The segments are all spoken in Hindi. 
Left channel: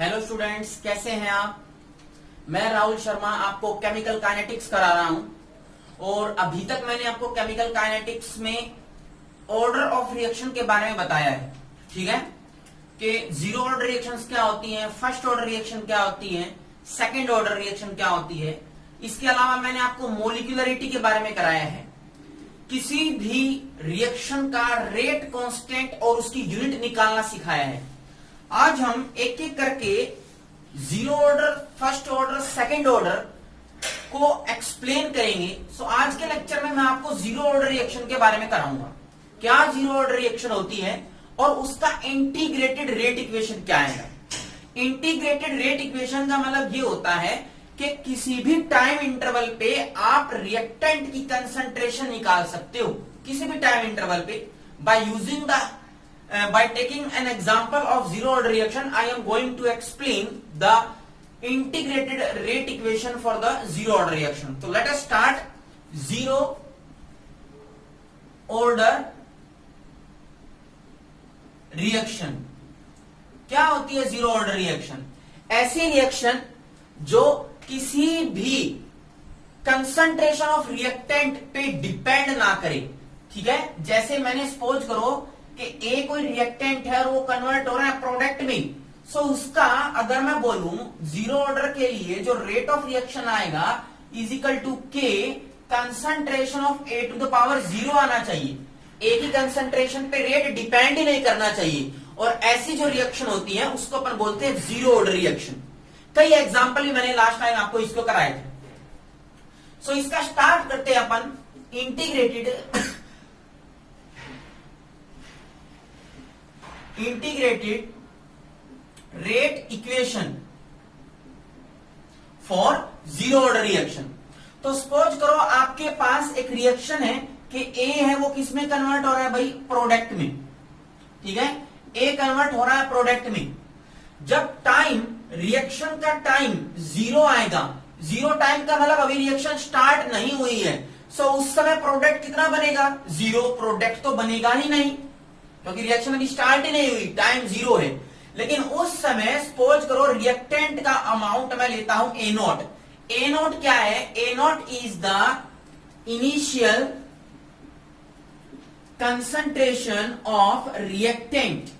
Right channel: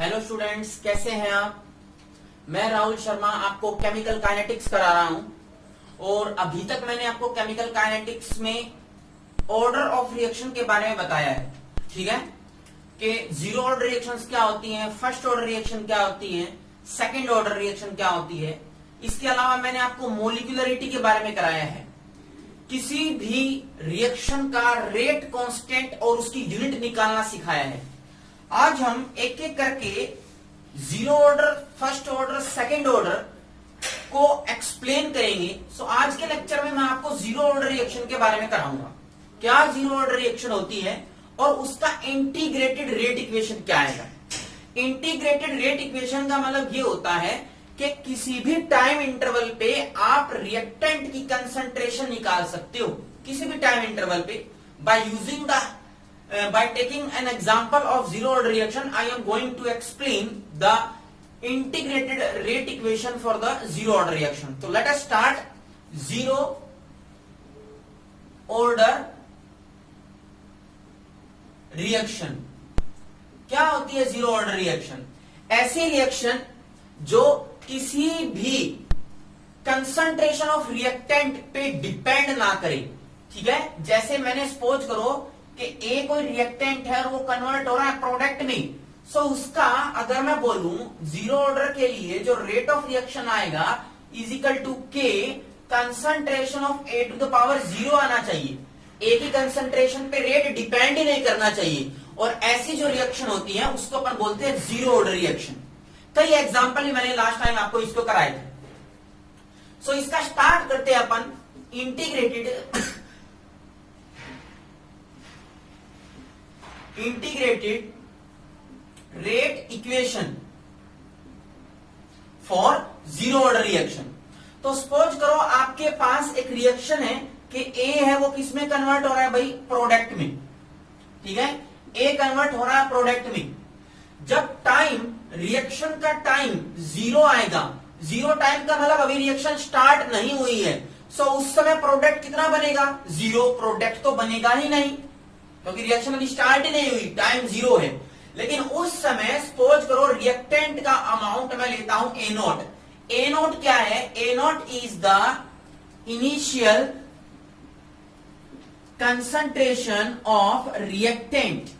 हेलो स्टूडेंट्स, कैसे हैं आप। मैं राहुल शर्मा आपको केमिकल काइनेटिक्स करा रहा हूं और अभी तक मैंने आपको केमिकल काइनेटिक्स में ऑर्डर ऑफ रिएक्शन के बारे में बताया है। ठीक है कि जीरो ऑर्डर रिएक्शंस क्या होती हैं, फर्स्ट ऑर्डर रिएक्शन क्या होती है, सेकंड ऑर्डर रिएक्शन क्या होती है। इसके अलावा मैंने आपको मोलिकुलरिटी के बारे में कराया है। किसी भी रिएक्शन का रेट कांस्टेंट और उसकी यूनिट निकालना सिखाया है। आज हम एक एक करके zero order, first order, second order को एक्सप्लेन करेंगे। सो आज के लेक्चर में मैं आपको जीरो ऑर्डर रिएक्शन के बारे में कराऊंगा। क्या जीरो ऑर्डर रिएक्शन होती है और उसका इंटीग्रेटेड रेट इक्वेशन क्या आएगा। इंटीग्रेटेड रेट इक्वेशन का मतलब ये होता है कि किसी भी टाइम इंटरवल पे आप रिएक्टेंट की कंसंट्रेशन निकाल सकते हो, किसी भी टाइम इंटरवल पे by using the by taking an example of zero order reaction. I am going to explain the integrated rate equation for the zero order reaction. So let us start. Zero order reaction क्या होती है। जीरो ऑर्डर रिएक्शन ऐसी रिएक्शन जो किसी भी कंसंट्रेशन ऑफ रिएक्टेंट पे डिपेंड ना करे। ठीक है, जैसे मैंने सपोज करो कि ए कोई रिएक्टेंट है और वो कन्वर्ट हो रहा है प्रोडक्ट में। सो उसका अगर मैं बोलूं जीरो ऑर्डर के लिए जो रेट ऑफ रिएक्शन आएगा इज इक्वल टू के concentration of A to the power zero आना चाहिए। ए की कंसंट्रेशन पे रेट डिपेंड ही नहीं करना चाहिए। और ऐसी जो रिएक्शन होती है उसको अपन बोलते हैं जीरो ऑर्डर रिएक्शन। कई एग्जांपल भी मैंने लास्ट टाइम आपको इसको कराए थे। सो इसका स्टार्ट करते हैं अपन integrated rate equation for zero order reaction. तो सपोज करो आपके पास एक रिएक्शन है कि ए है वो किसमें कन्वर्ट हो रहा है भाई, प्रोडक्ट में। ठीक है, ए कन्वर्ट हो रहा है प्रोडक्ट में। जब टाइम रिएक्शन का टाइम जीरो आएगा, जीरो टाइम का मतलब अभी रिएक्शन स्टार्ट नहीं हुई है। सो उस समय प्रोडक्ट कितना बनेगा, जीरो। प्रोडक्ट तो बनेगा ही नहीं क्योंकि रिएक्शन अभी स्टार्ट ही नहीं हुई, टाइम जीरो है। लेकिन उस समय सपोज करो रिएक्टेंट का अमाउंट मैं लेता हूं ए नॉट। ए नॉट क्या है, A not is the initial concentration of reactant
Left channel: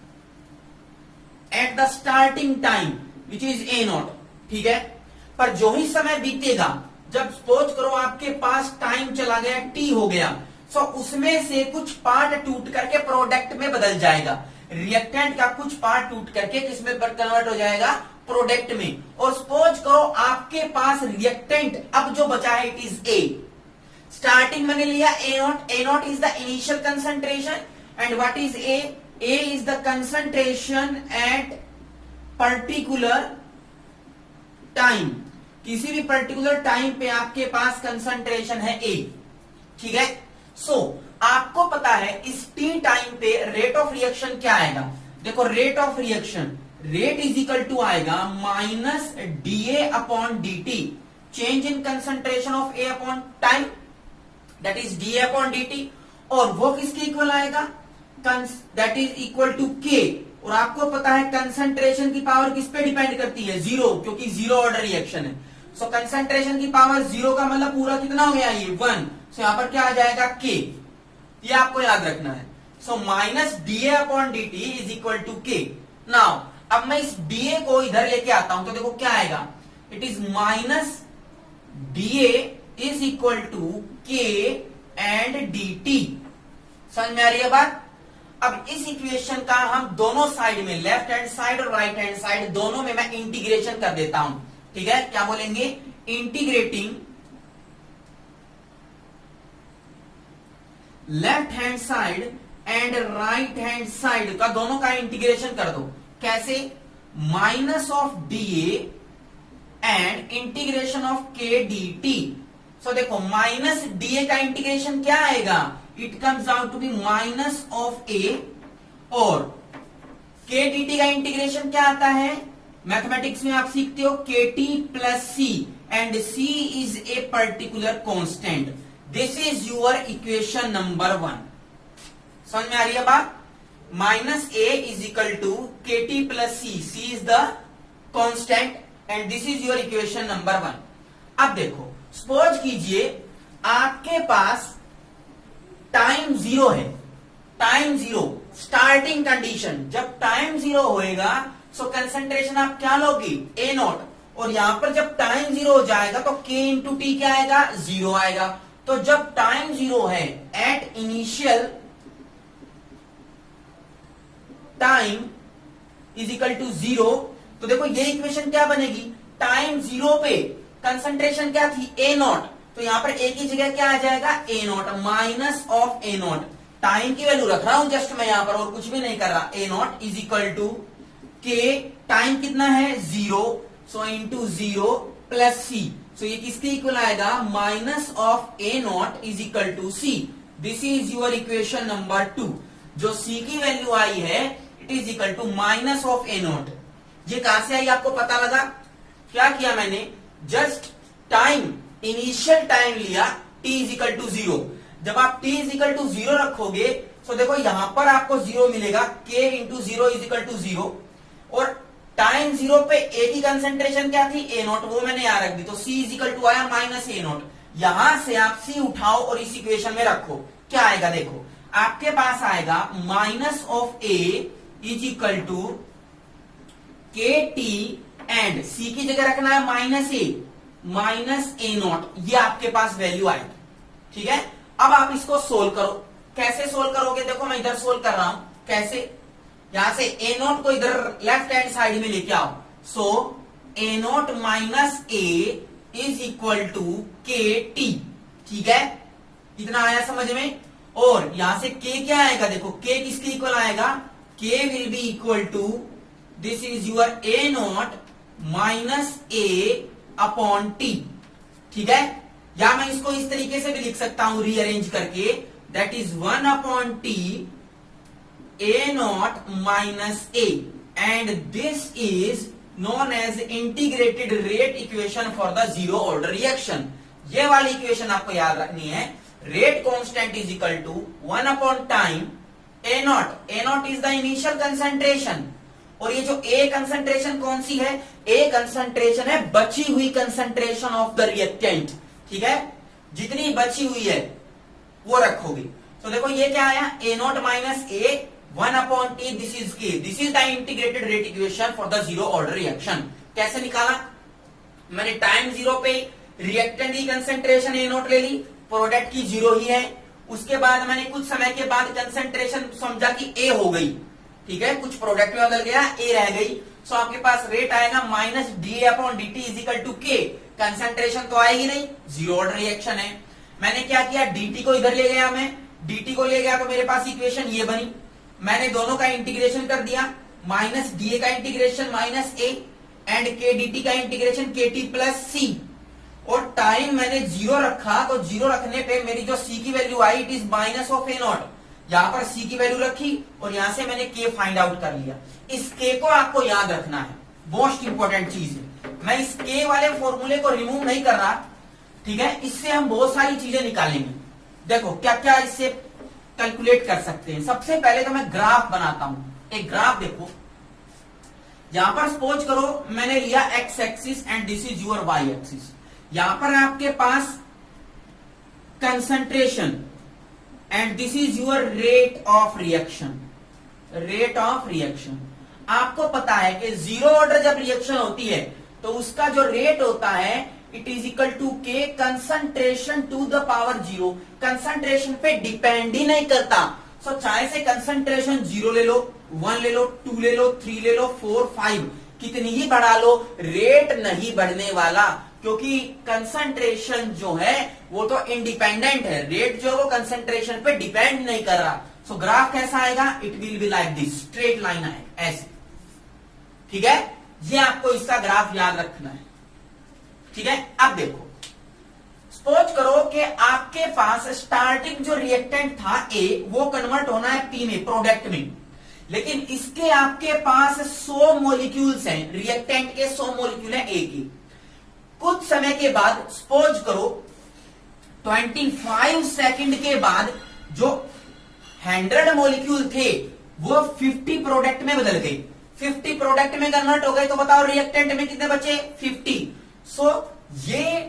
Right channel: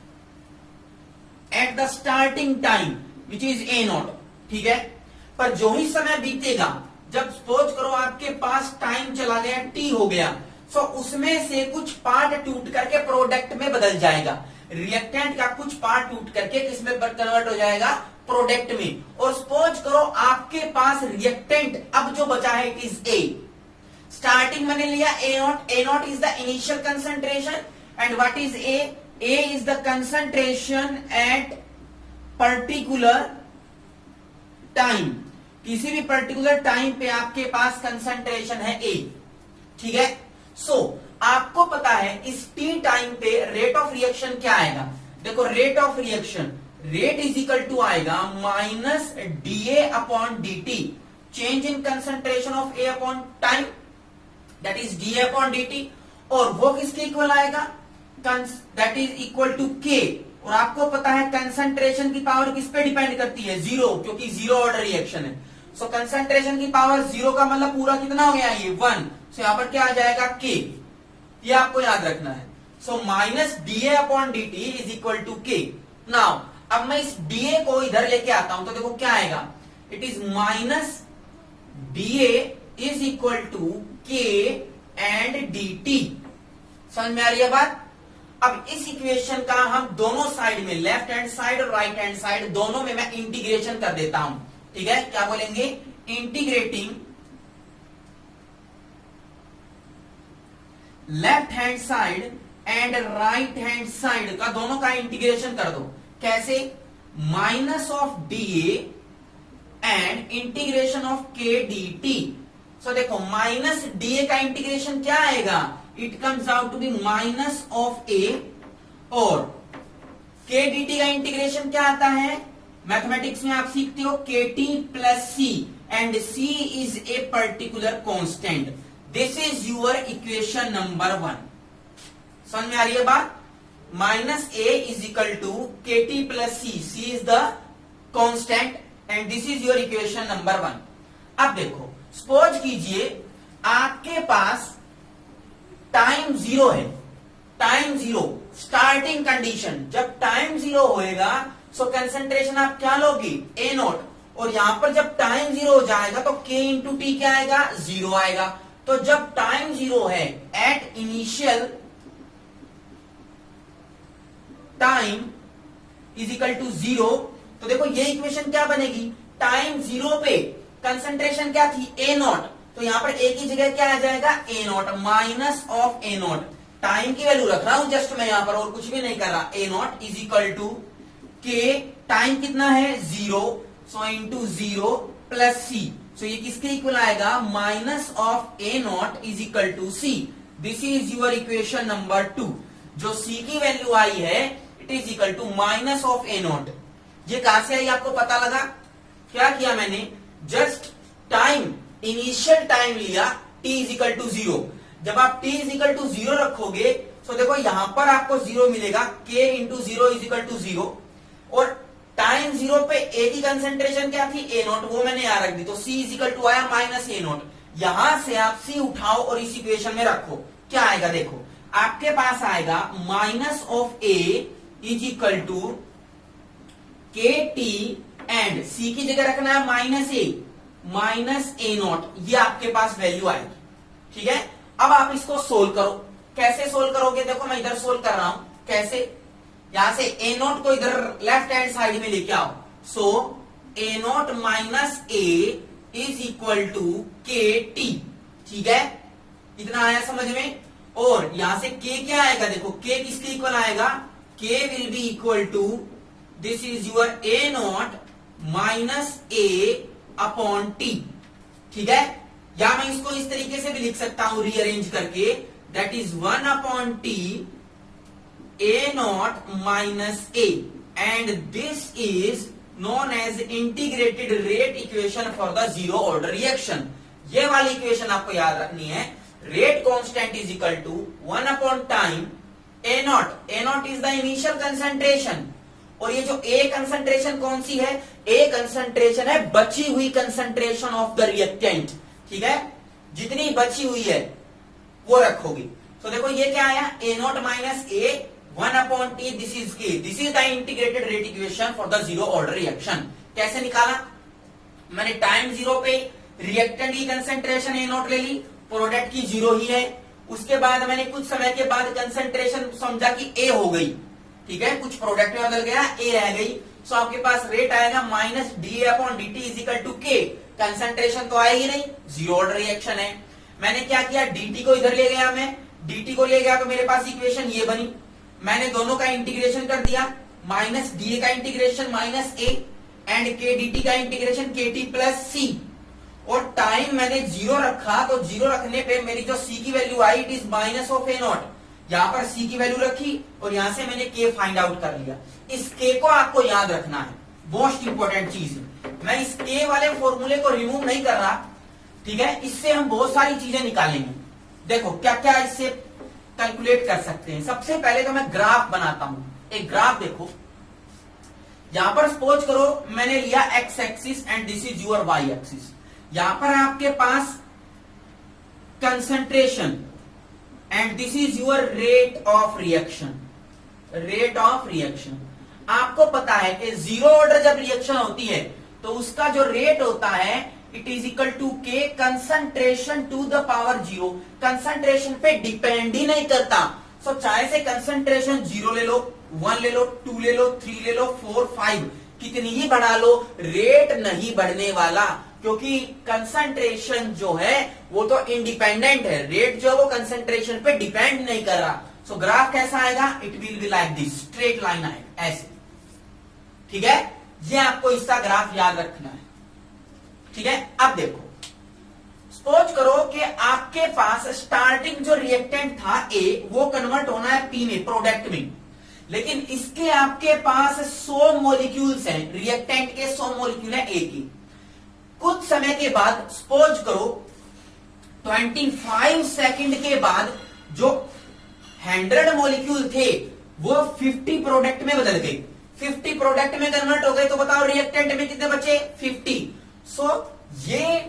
at the starting time which is A naught. ठीक है, पर जो ही समय बीतेगा, जब सपोज करो आपके पास टाइम चला गया, टी हो गया, सो उसमें से कुछ पार्ट टूट करके प्रोडक्ट में बदल जाएगा। रिएक्टेंट का कुछ पार्ट टूट करके किसमें कन्वर्ट हो जाएगा, प्रोडक्ट में। और सपोज करो आपके पास रिएक्टेंट अब जो बचा है इट इज ए। स्टार्टिंग में लिया A naught. A not is the initial concentration and what is A, A is the concentration at particular time. किसी भी पर्टिकुलर टाइम पे आपके पास कंसंट्रेशन है ए। ठीक है, सो आपको पता है इस टी टाइम पे रेट ऑफ रिएक्शन क्या आएगा। देखो rate of reaction, rate is equal to आएगा minus D A upon d t, change in concentration of A upon time, that is d A upon d t. और वो किसके इक्वल आएगा, दैट इज इक्वल टू के। और आपको पता है कंसंट्रेशन की पावर किस पे डिपेंड करती है, जीरो, क्योंकि जीरो ऑर्डर रिएक्शन है। सो कंसंट्रेशन की पावर जीरो का मतलब पूरा कितना हो गया, ये 1। सो यहां पर क्या आ जाएगा, के। ये आपको याद रखना है। सो minus D A upon d t is equal to k. Now अब मैं इस डी ए को इधर लेके आता हूं तो देखो क्या आएगा, it is minus D A is equal to k and d t. समझ में आ रही है बात। अब इस इक्वेशन का हम दोनों साइड में, लेफ्ट हैंड साइड और राइट हैंड साइड दोनों में मैं इंटीग्रेशन कर देता हूं। ठीक है, क्या बोलेंगे, integrating left hand side and right hand side का दोनों का इंटीग्रेशन कर दो। कैसे, minus of D A and integration of K D T. So देखो माइनस डी ए का इंटीग्रेशन क्या आएगा, it comes out to be minus of A. और के डी टी का इंटीग्रेशन क्या आता है, मैथमेटिक्स में आप सीखते हो K T plus C and C is a particular constant. This is your equation number 1। समझ में आ रही है बात। Minus A is equal to के T plus C, C is the constant and this is your equation number 1। अब देखो सपोज कीजिए आपके पास टाइम 0 है, टाइम 0 स्टार्टिंग कंडीशन, जब टाइम 0 होएगा सो कंसंट्रेशन आप क्या लोगे ए नॉट, और यहां पर जब टाइम 0 हो जाएगा तो K इंटू टी क्या आएगा 0 आएगा। तो जब टाइम 0 है at initial time is equal to 0, तो देखो ये इक्वेशन क्या बनेगी, टाइम 0 पे कंसंट्रेशन क्या थी ए नॉट, तो यहां पर ए की जगह क्या आ जाएगा A not minus of A naught, time की वैल्यू रख रहा हूं जस्ट मैं यहां पर और कुछ भी नहीं कर रहा, ए नॉट इज इक्वल टू के, टाइम कितना है 0, सो इंटू 0 प्लस सी, सो ये किसके इक्वल आएगा minus of A not is equal to C. This is your equation number 2। जो सी की वैल्यू आई है it is equal to minus of A not. ये कहां से आई आपको पता लगा, क्या किया मैंने, जस्ट टाइम इनिशियल टाइम लिया t इज इक्वल टू 0, जब आप t इज इक्वल टू 0 रखोगे तो देखो यहां पर आपको 0 मिलेगा, k into 0 is equal to 0, और टाइम 0 पे ए की कंसंट्रेशन क्या थी ए नॉट, वो मैंने यहां रख दी, तो c इज इक्वल टू आया माइनस ए नॉट। यहां से आप c उठाओ और इस इक्वेशन में रखो, क्या आएगा देखो, आपके पास आएगा minus of A is equal to के टी एंड c की जगह रखना है माइनस ए नॉट, ये आपके पास वैल्यू आएगी। ठीक है, अब आप इसको सोल्व करो, कैसे सोल्व करोगे, देखो मैं इधर सोल्व कर रहा हूं, कैसे, यहां से ए नॉट को इधर लेफ्ट हैंड साइड में लेके आओ, so A not minus A is equal to के टी। ठीक है, इतना आया समझ में, और यहां से के क्या आएगा देखो, के किसके इक्वल आएगा, k will be equal to this is your A not minus A upon t. ठीक है, या मैं इसको इस तरीके से भी लिख सकता हूं रीअरेंज करके, that is 1 upon t A not minus A, and this is known as integrated rate equation for the zero order reaction. ये वाली इक्वेशन आपको याद रखनी है, rate constant is equal to 1 upon time A not is the initial concentration, और ये जो ए कंसंट्रेशन कौन सी है, ए कंसंट्रेशन है बची हुई कंसंट्रेशन ऑफ द रिएक्टेंट। ठीक है, जितनी बची हुई है वो रखोगे, तो देखो ये क्या आया, A not minus A 1 upon T, this is K, this is the integrated rate equation for the zero order reaction. कैसे निकाला, मैंने टाइम 0 पे रिएक्टेंट की कंसंट्रेशन ए नॉट ले ली, प्रोडक्ट की 0 ही है, उसके बाद मैंने कुछ समय के बाद कंसंट्रेशन समझा कि ए हो गई, ठीक है, कुछ प्रोडक्ट में बदल गया, ए रह गई, सो आपके पास रेट आएगा minus d upon d t is equal to के, कंसंट्रेशन तो आएगी नहीं, जीरो ऑर्डर रिएक्शन है। मैंने क्या किया, dt को इधर ले गया, मैं dt को ले गया तो मेरे पास इक्वेशन ये बनी, मैंने दोनों का इंटीग्रेशन कर दिया, माइनस डी का इंटीग्रेशन माइनस ए एंड के डी टी का इंटीग्रेशन के टी प्लस सी, और टाइम मैंने 0 रखा, तो 0 रखने पे मेरी जो सी की value I it is minus of A not, यहां पर सी की वैल्यू रखी और यहां से मैंने के फाइंड आउट कर लिया। इस के को आपको याद रखना है, मोस्ट इंपॉर्टेंट चीज है, मैं इस के वाले फॉर्मूले को रिमूव नहीं कर रहा, ठीक है, इससे हम बहुत सारी चीजें निकालेंगे। देखो क्या क्या इससे कैलकुलेट कर सकते हैं। सबसे पहले तो मैं ग्राफ बनाता हूं, एक ग्राफ देखो, यहां पर सपोज करो मैंने लिया X axis and this is your Y axis, यहां पर आपके पास concentration and this is your rate of reaction, rate of reaction. आपको पता है कि जीरो ऑर्डर जब रिएक्शन होती है तो उसका जो रेट होता है इट इज इक्वल टू के concentration to the power 0, concentration पे डिपेंड ही नहीं करता। सो चाहे से कंसंट्रेशन 0 ले लो, 1 ले लो, 2 ले लो, 3 ले लो, 4, 5 कितनी ही बढ़ा लो, रेट नहीं बढ़ने वाला, क्योंकि कंसंट्रेशन जो है वो तो इंडिपेंडेंट है, रेट जो है वो कंसंट्रेशन पे डिपेंड नहीं कर रहा। सो ग्राफ कैसा आएगा, it will be like this, straight line आएगा ऐसे। ठीक है, ये आपको इसका ग्राफ याद रखना है। ठीक है, अब देखो सपोज करो कि आपके पास स्टार्टिंग जो रिएक्टेंट था ए वो कन्वर्ट होना है पी में, प्रोडक्ट में, लेकिन इसके आपके पास 100 मॉलिक्यूल्स हैं, रिएक्टेंट के 100 मॉलिक्यूल हैं ए की। कुछ समय के बाद सपोज करो 25 सेकंड के बाद जो 100 मॉलिक्यूल थे वो 50 प्रोडक्ट में बदल गए, 50 प्रोडक्ट में कन्वर्ट हो गए, तो बताओ रिएक्टेंट में कितने बचे? 50। सो ये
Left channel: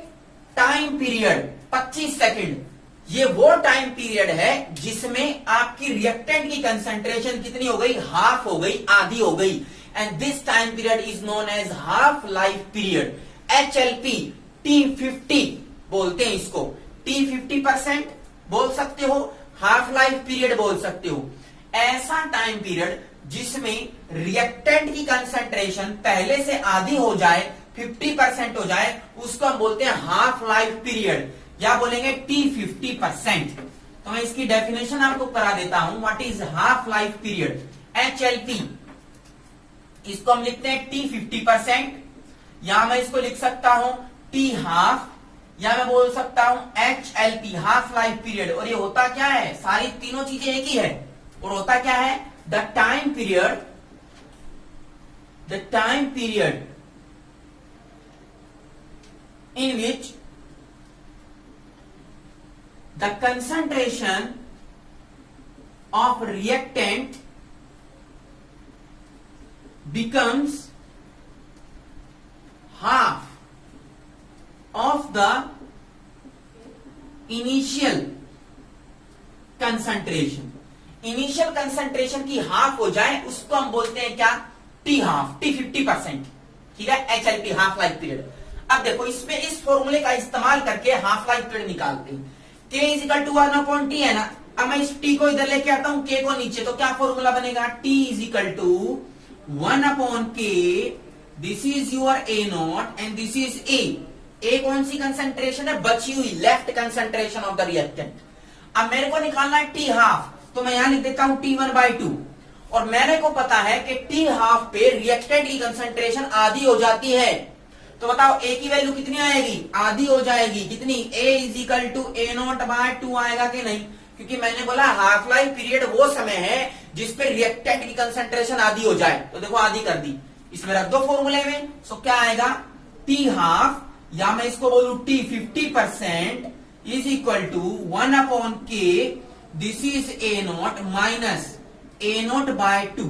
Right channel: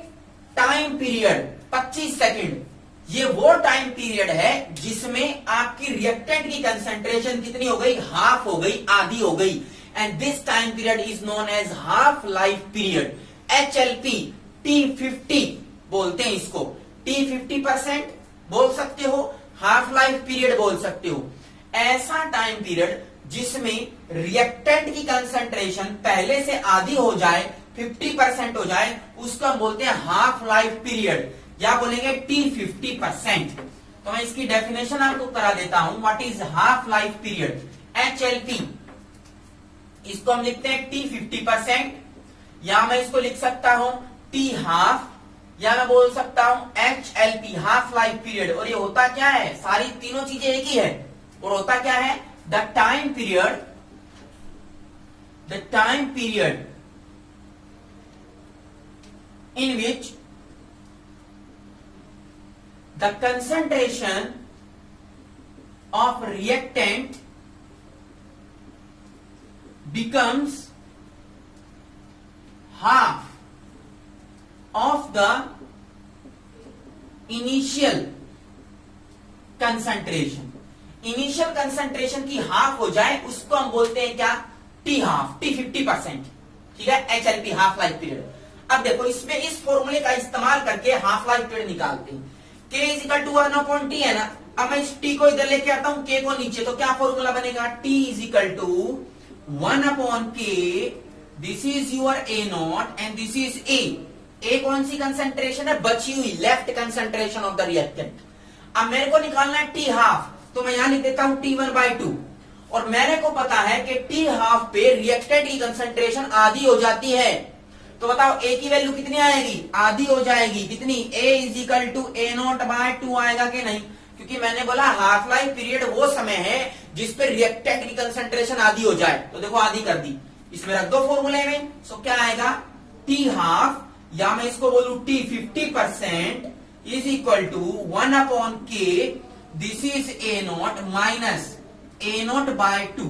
टाइम पीरियड 25 सेकंड, ये वो टाइम पीरियड है जिसमें आपकी रिएक्टेंट की कंसंट्रेशन कितनी हो गई? हाफ हो गई, आधी हो गई। And this time period is known as half life period. HLP T50 बोलते हैं इसको। T50% बोल सकते हो, हाफ लाइफ पीरियड बोल सकते हो। ऐसा टाइम पीरियड जिसमें रिएक्टेंट की कंसंट्रेशन पहले से आधी हो जाए, 50% हो जाए, उसको हम बोलते हैं हाफ लाइफ पीरियड, या बोलेंगे T50%। तो मैं इसकी डेफिनेशन आपको करा देता हूं। What is half life period? HLP, इसको हम लिखते हैं T50%, या मैं इसको लिख सकता हूं T हाफ, या मैं बोल सकता हूं HLP, हाफ लाइफ पीरियड। और ये होता क्या है? सारी तीनों चीजें एक ही है। और होता क्या है? The time period in which the concentration of reactant becomes half of the initial concentration। Initial concentration की हाफ हो जाए उसको हम बोलते हैं क्या? T half, T50%। ठीक है, HLP, हाफ लाइफ पीरियड। अब देखो इसमें इस फॉर्मूले का इस्तेमाल करके हाफ लाइफ पीरियड निकालते हैं। K is equal to 1/T है ना। अब मैं इस T को इधर लेके आता हूं, K को नीचे, तो क्या फॉर्मूला बनेगा? T is equal to 1/K, this is your A0 and this is A कौन सी कंसंट्रेशन है? बची हुई, left concentration of the reactant. अब मेरे को निकालना है T हाफ, तो मैं यहां लिख देता हूं T1/2। और मेरे को पता है कि T हाफ पे रिएक्टेंट की कंसंट्रेशन आधी हो जाती है। तो बताओ A की वैल्यू कितनी आएगी? आधी हो जाएगी। कितनी? A is equal to A0/2 आएगा कि नहीं? क्योंकि मैंने बोला हाफ लाइफ पीरियड वो समय है जिसपे रिएक्टेंट की कंसंट्रेशन आधी हो जाए। तो देखो आधी कर दी, इसमें रख दो फॉर्मूले में। सो क्या आएगा? T हाफ, या मैं इसको बोलू T50% is equal to 1/K, this is A0 minus A0/2।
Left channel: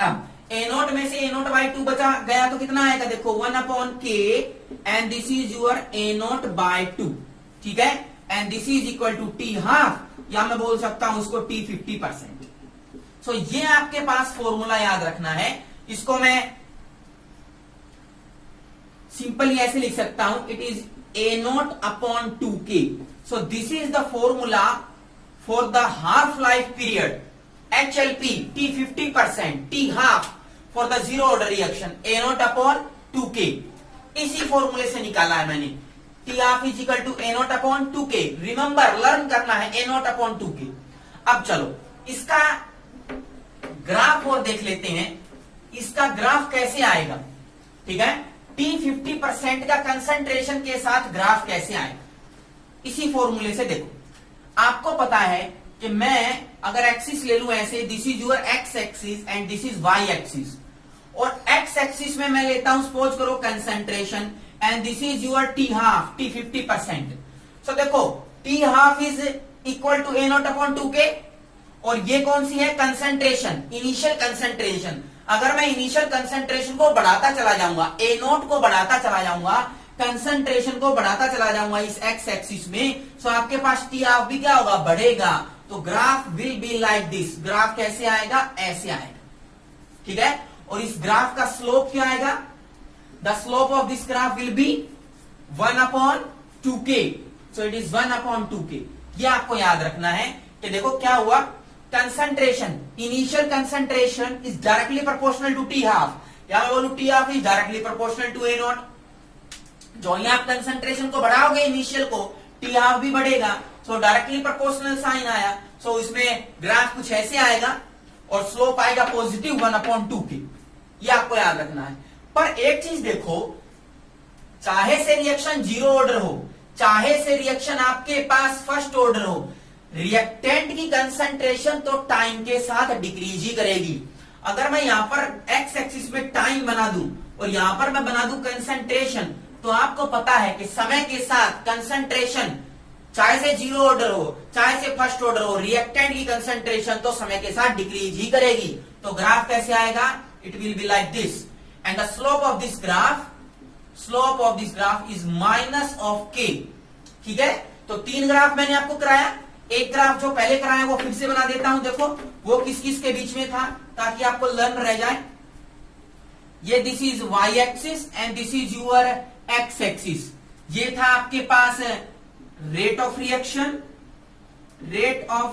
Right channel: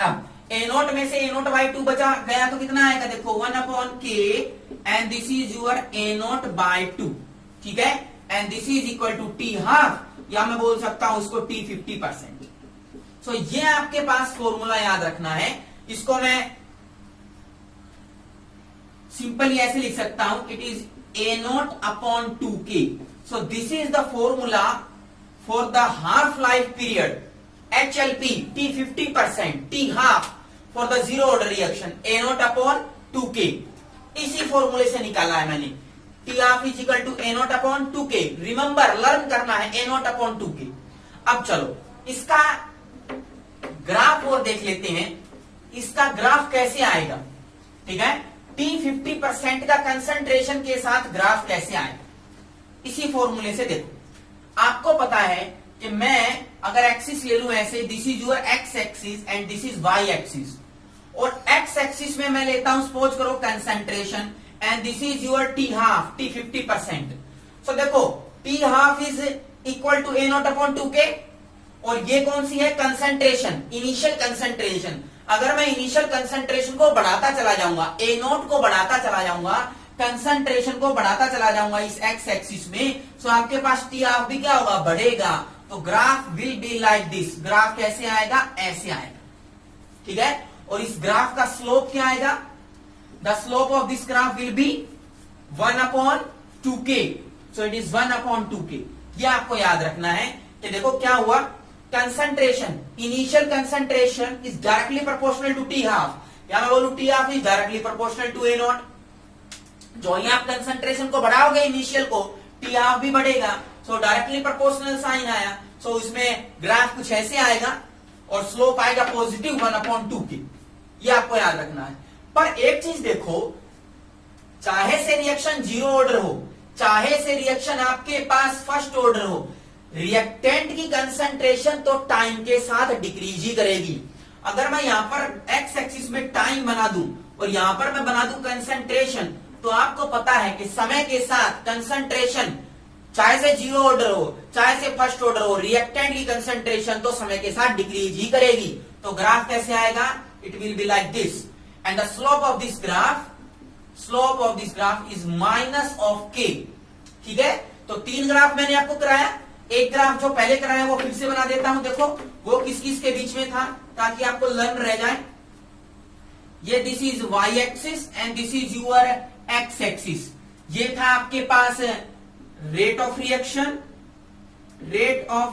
अब A0 में से A0/2 बचा गया तो कितना आएगा? देखो 1/K and this is your A0/2। ठीक है, and this is equal to T half, या मैं बोल सकता हूं इसको T50%। सो ये आपके पास फॉर्मूला याद रखना है। इसको मैं सिंपली ऐसे लिख सकता हूं, it is A0/2K। So this is the formula for the half life period HLP T50%, T half for the zero order reaction A0/2K। इसी फॉर्मूले से निकाला है मैंने। T half is equal to A0/2K। Remember, learn करना है A0/2K। अब चलो इसका ग्राफ और देख लेते हैं। इसका ग्राफ कैसे आएगा? ठीक है, T50% का कंसंट्रेशन के साथ ग्राफ कैसे आएगा? इसी फॉर्मूले से देखो। आपको पता है कि मैं अगर एक्सिस ले लू ऐसे, this is your x axis and this is y axis, और एक्स एक्सिस में मैं लेता हूं सपोज करो concentration, and this is your t half, T50%। So देखो t half is equal to A0/2K, और ये कौन सी है? Concentration, initial concentration. अगर मैं इनिशियल कंसंट्रेशन को बढ़ाता चला जाऊंगा, A0 को बढ़ाता चला जाऊंगा, कंसंट्रेशन को बढ़ाता चला जाऊंगा इस एक्स एक्सिस में, सो आपके पास टी हाफ भी क्या होगा? बढ़ेगा। तो graph will be like this. Graph कैसे आएगा? ऐसे आएगा। ठीक है, और इस ग्राफ का स्लोप क्या आएगा? The slope of this graph will be 1/2K। So it is 1/2K। ये आपको याद रखना है कि देखो क्या हुआ, concentration, initial concentration is directly proportional to t half, या मैं बोलू t half is directly proportional to A0। जो ही आप कंसंट्रेशन को बढ़ाओगे इनिशियल को, टी हाफ भी बढ़ेगा। सो डायरेक्टली प्रोपोर्शनल साइन आया। सो इसमें ग्राफ कुछ ऐसे आएगा और स्लोप आएगा पॉजिटिव 1/2K। ये आपको याद रखना है। पर एक चीज देखो, चाहे से रिएक्शन जीरो ऑर्डर हो, चाहे से रिएक्शन आपके पास फर्स्ट ऑर्डर हो, रिएक्टेंट की कंसंट्रेशन तो टाइम के साथ डिक्रीज ही करेगी। अगर मैं यहां पर एक्स एक्सिस में टाइम बना दूं और यहां पर मैं बना दूं कंसंट्रेशन, तो आपको पता है कि समय के साथ कंसंट्रेशन चाहे से जीरो ऑर्डर हो, चाहे से फर्स्ट ऑर्डर हो, रिएक्टेंट की कंसंट्रेशन तो समय के साथ डिक्रीज ही करेगी। तो ग्राफ कैसे आएगा? it will be like this, and the slope of this graph is minus of k. ठीक है, तो 3 ग्राफ मैंने आपको कराया, एक ग्राफ जो पहले कराया वो फिर से बना देता हूं। देखो वो किस किस के बीच में था, ताकि आपको लर्न रह जाए। ये this is y axis and this is your x axis. ये था आपके पास rate of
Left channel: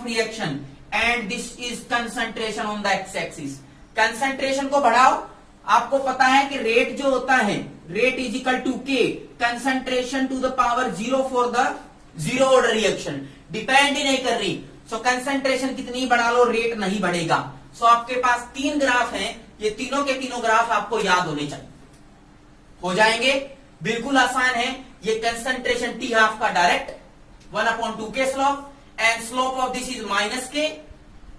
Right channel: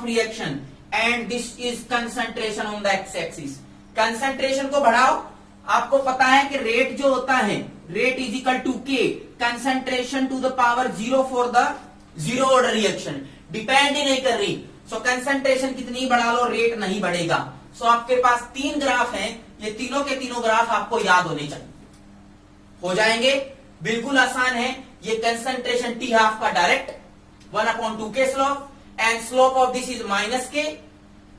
reaction and this is concentration on the x axis. Concentration को बढ़ाओ, आपको पता है कि रेट जो होता है, रेट इज इक्वल टू के concentration to the power 0 for the zero order reaction, depend ही नहीं कर रही। सो कंसंट्रेशन कितनी बढ़ा लो, रेट नहीं बढ़ेगा। सो आपके पास 3 ग्राफ हैं, ये तीनों के तीनों ग्राफ आपको याद होने चाहिए, हो जाएंगे, बिल्कुल आसान है। ये कंसंट्रेशन टी हाफ का direct 1/2 slope, and slope of this is -k,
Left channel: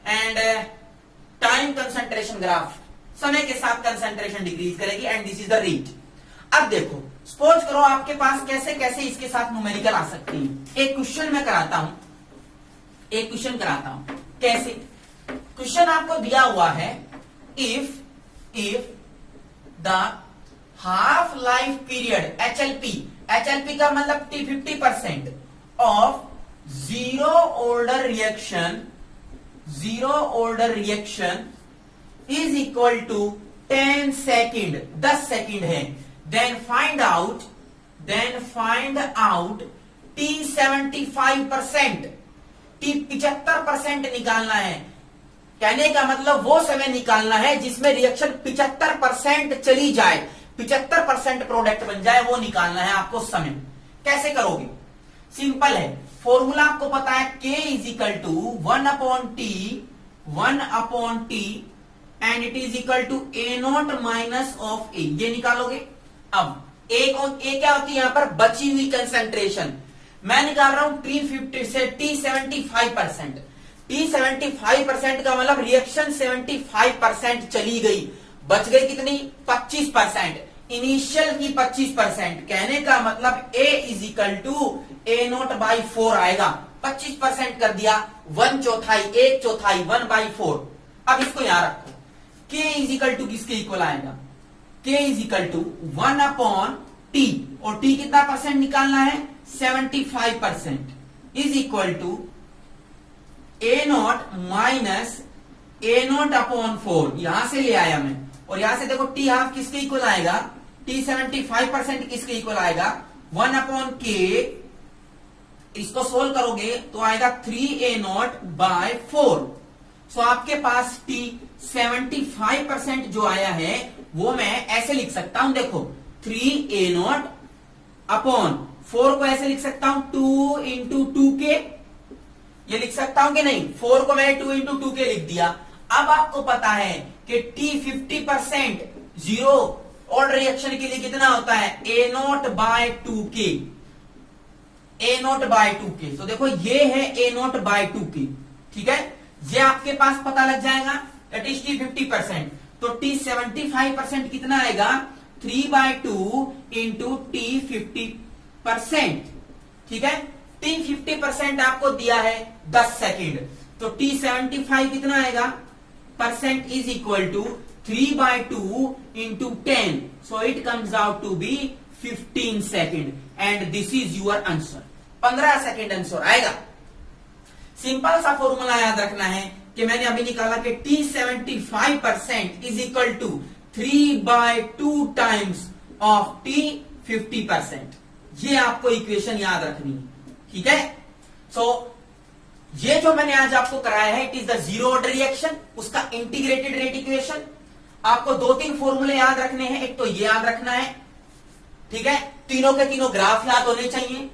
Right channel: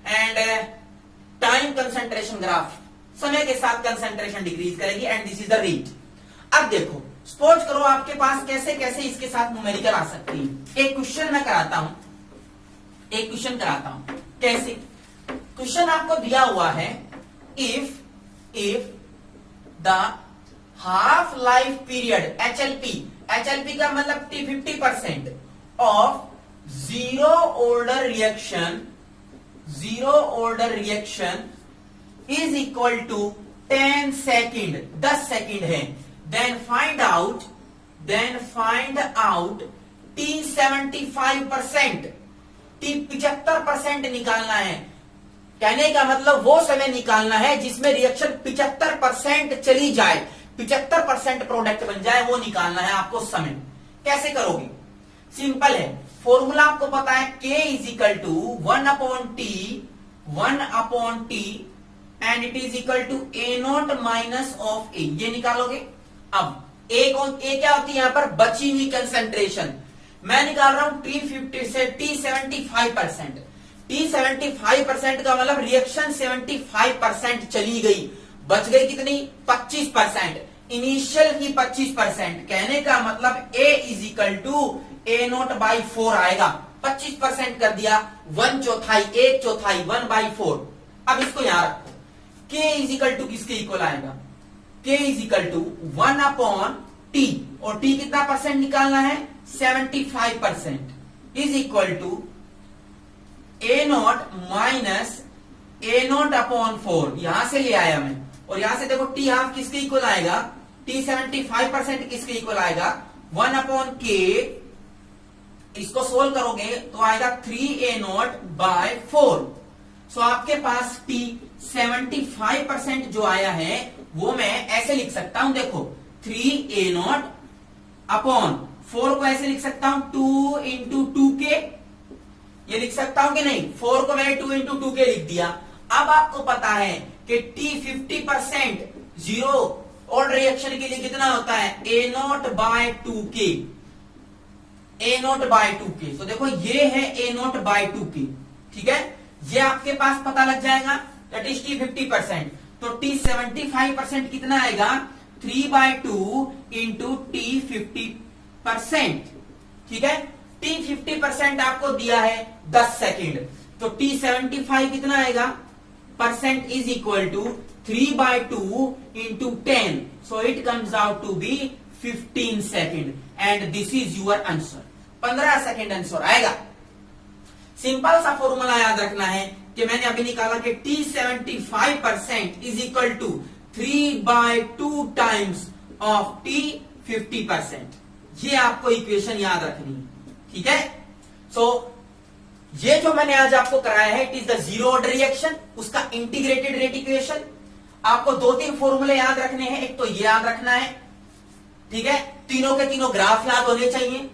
and time concentration graph, समय के साथ कंसंट्रेशन डिक्रीज करेगी, and this is the rate. अब देखो, सपोज करो आपके पास कैसे कैसे इसके साथ न्यूमेरिकल आ सकती है। एक क्वेश्चन मैं कराता हूं, कैसे? क्वेश्चन आपको दिया हुआ है, if the half life period HLP का मतलब 50% of zero order reaction is equal to 10 second, 10 second है। Then find out T 75%, T 75% निकालना है। कहने का मतलब वो समय निकालना है जिसमें रिएक्शन 75% चली जाए, 75% प्रोडक्ट बन जाए, वो निकालना है आपको समय। कैसे करोगे? सिंपल है, फॉर्मूला आपको पता है, K is equal to 1/T and it is equal to A0 minus of A। ये निकालोगे। अब A क्या होती है यहां पर? बची हुई कंसंट्रेशन। मैं निकाल रहा हूं T50 से T 75%। T 75% का मतलब रिएक्शन 75% चली गई, बच गई कितनी? 25%। इनिशियल की 25%, कहने का मतलब A is equal to A0/4 आएगा। 25% कर दिया, 1/4, 1/4, 1/4। अब इसको यहां रखो, K इज इक्वल टू किसके इक्वल आएगा? K is equal to 1/T, और T कितना परसेंट निकालना है? 75%, is equal to A0 minus A0/4। यहां से ले आया मैं, और यहां से देखो T हाफ किसके इक्वल आएगा? T 75% किसके इक्वल आएगा? 1/K। इसको सोल्व करोगे तो आएगा 3A0/4। सो आपके पास T 75% जो आया है वो मैं ऐसे लिख सकता हूं, देखो 3A0/4 को ऐसे लिख सकता हूं 2 × 2K, ये लिख सकता हूं कि नहीं? 4 को मैंने 2 × 2K लिख दिया। अब आपको पता है कि T 50% जीरो ऑर्डर रिएक्शन के लिए कितना होता है? A0/2K, A0/2K। तो देखो ये है A0/2K, ठीक है, ये आपके पास पता लग जाएगा। दैट इज T 50%, तो T 75% कितना आएगा? 3/2 × T 50%, ठीक है। T 50% आपको दिया है 10 सेकेंड, तो T 75 कितना आएगा? Percent is equal to 3/2 × 10, so it comes out to be 15 second, and this is your answer. 15 second answer आएगा। सिंपल सा फॉर्मूला याद रखना है कि मैंने अभी निकाला कि T 75% is equal to 3/2 times of T 50%। ये आपको इक्वेशन याद रखनी है, ठीक है। सो ये जो मैंने आज आपको कराया है, it is the zero order reaction, उसका इंटीग्रेटेड रेट इक्वेशन। आपको 2-3 फॉर्मूले याद रखने हैं। एक तो ये याद रखना है, ठीक है, तीनों के तीनों ग्राफ याद होने चाहिए।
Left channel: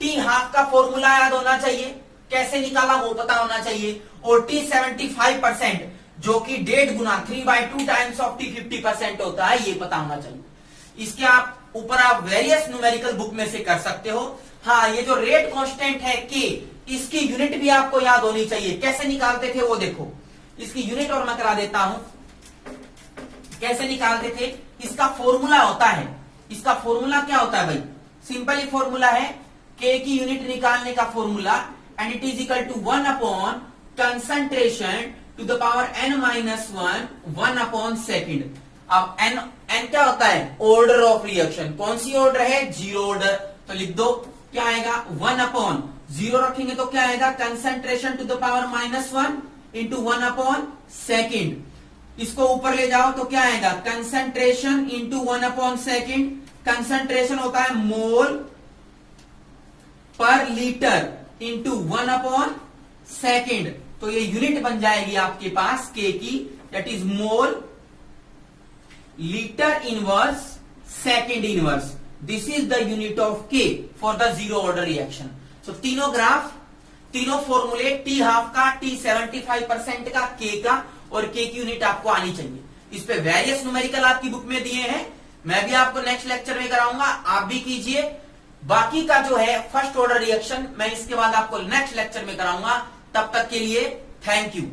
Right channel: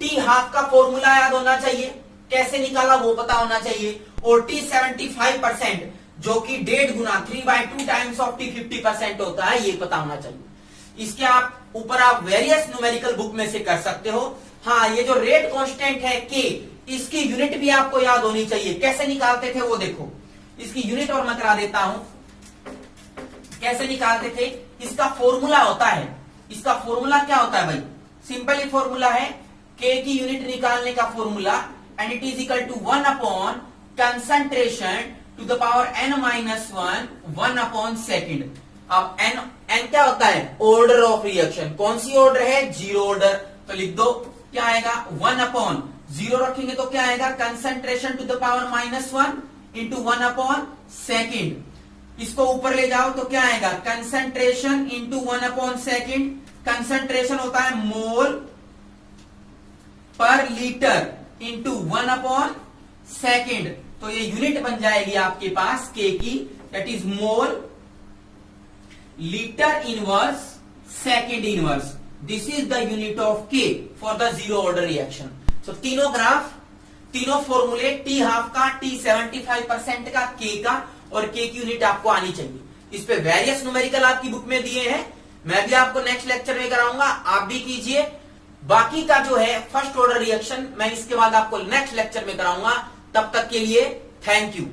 T हाफ का फॉर्मूला याद होना चाहिए, कैसे निकाला वो पता होना चाहिए, और T 75% जो कि 1.5 गुना 3/2 टाइम्स ऑफ T 50% होता है, ये पता होना चाहिए। इसके ऊपर आप वेरियस न्यूमेरिकल बुक में से कर सकते हो। हाँ, ये जो रेट कांस्टेंट है K, इसकी यूनिट भी आपको याद होनी चाहिए। कैसे निकालते थे वो देखो, इसकी यूनिट और मैं करा देता हूं कैसे निकालते थे। इसका फॉर्मूला होता है, इसका फॉर्मूला क्या होता है भाई? सिंपल ही फॉर्मूला है, K की यूनिट निकालने का formula, and it is equal to 1 upon concentration to the power n minus 1 upon second. अब n क्या होता है? Order of reaction. कौन सी ऑर्डर है? Zero order. तो लिख दो क्या आएगा? 1 अपॉन जीरो रखेंगे तो क्या आएगा? Concentration to the power minus 1 into 1 upon second. इसको ऊपर ले जाओ तो क्या आएगा? Concentration into 1 upon second. Concentration होता है मोल पर लीटर इंटू 1 अपॉन सेकेंड। तो ये यूनिट बन जाएगी आपके पास के की, that is mole litre inverse second inverse. This is the unit of K for the zero order reaction. So तीनों ग्राफ, तीनों फॉर्मूले, टी हाफ का, टी 75% का, के का, और के की यूनिट आपको आनी चाहिए। इस पे वेरियस न्यूमेरिकल आपकी बुक में दिए हैं, मैं भी आपको नेक्स्ट लेक्चर में कराऊंगा, आप भी कीजिए। बाकी का जो है फर्स्ट ऑर्डर रिएक्शन मैं इसके बाद आपको नेक्स्ट लेक्चर में कराऊंगा। तब तक के लिए थैंक यू।